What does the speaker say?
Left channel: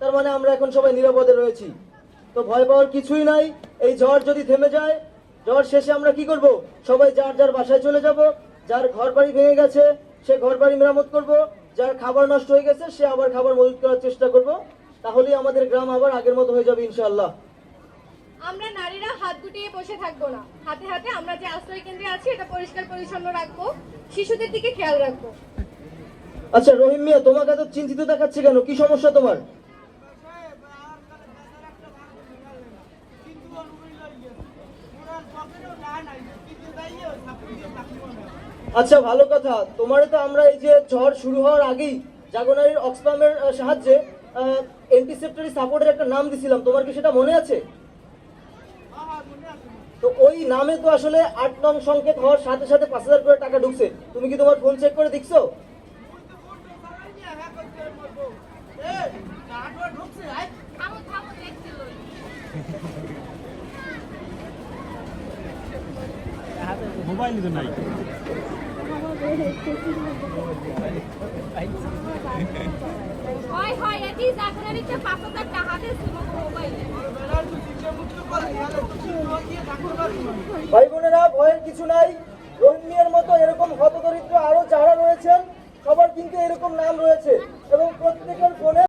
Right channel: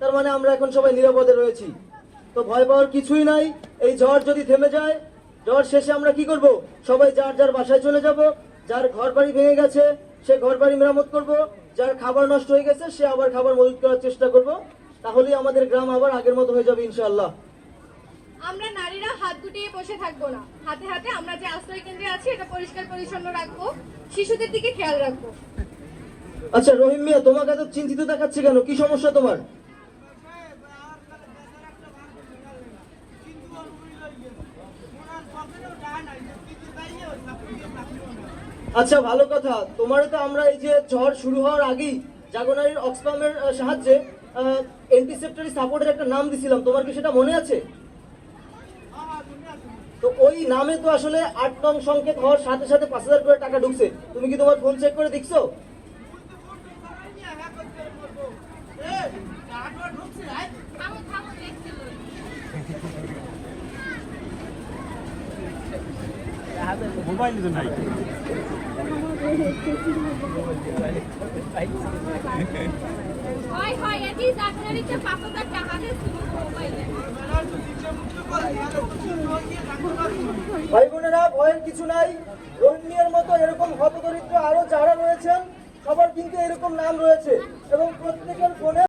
তার মানে আমরা এখন সবাই নিরাপদে রয়েছি। তো ভয় পাওয়ার কিছুই নাই। এই ঝড় যদি থেমে যায়, ঝড় শেষে আমরা কি করব? সবাই যার যার বাসায় চলে যাব। যার ঘর বাড়ি ভেঙে গেছে সে ঘর বাড়ি মেরামত করব, যার খাবার নষ্ট হয়ে গেছে সে আবার খাবার মজুত করার চেষ্টা করব। তাহলেই আমাদের গ্রাম আবার আগের মতো হয়ে যাবে ইনশাআল্লাহ। আমরা নারীরা হাত গুটিয়ে বসে থাকবো না, হাতে হাতে আমরা যে আশ্রয় কেন্দ্রে আছি এটা পরিষ্কার পরিচ্ছন্ন রাখবো, শিশুদের দিকে খেয়াল রাখবো। আচ্ছা রহিম মিয়া, তোমাকে এত চিন্তিত দেখাচ্ছে কেন? কি সমস্যা তোমার? আচ্ছা ভালো কথা। তোমারও তো আমরা এই যে ঝড় শুরু হওয়ার আগেই জাগোনারির অক্সফামের সাহায্যে অ্যান্টিসেপ্টরি সাপোর্টের একটা নাম দিছিলাম, তোমার কি সেটা মনে আছে? তো ওই নামে তো আসলে 8 নং সংকেত হওয়ার সাথে সাথে 5,000 করে টাকা ঢুকছে। তুমি কি তোমার ফোন চেক করে দেখছো? ভাই বোনেরা, ভয়ের কিছু নাই। রোহিঙ্গিয়ার মতো এরকম হতদরিদ্র আরো যারা রয়েছেন সবার কিন্তু এরকম নাম রয়েছে এবং প্রত্যেকের ফোনে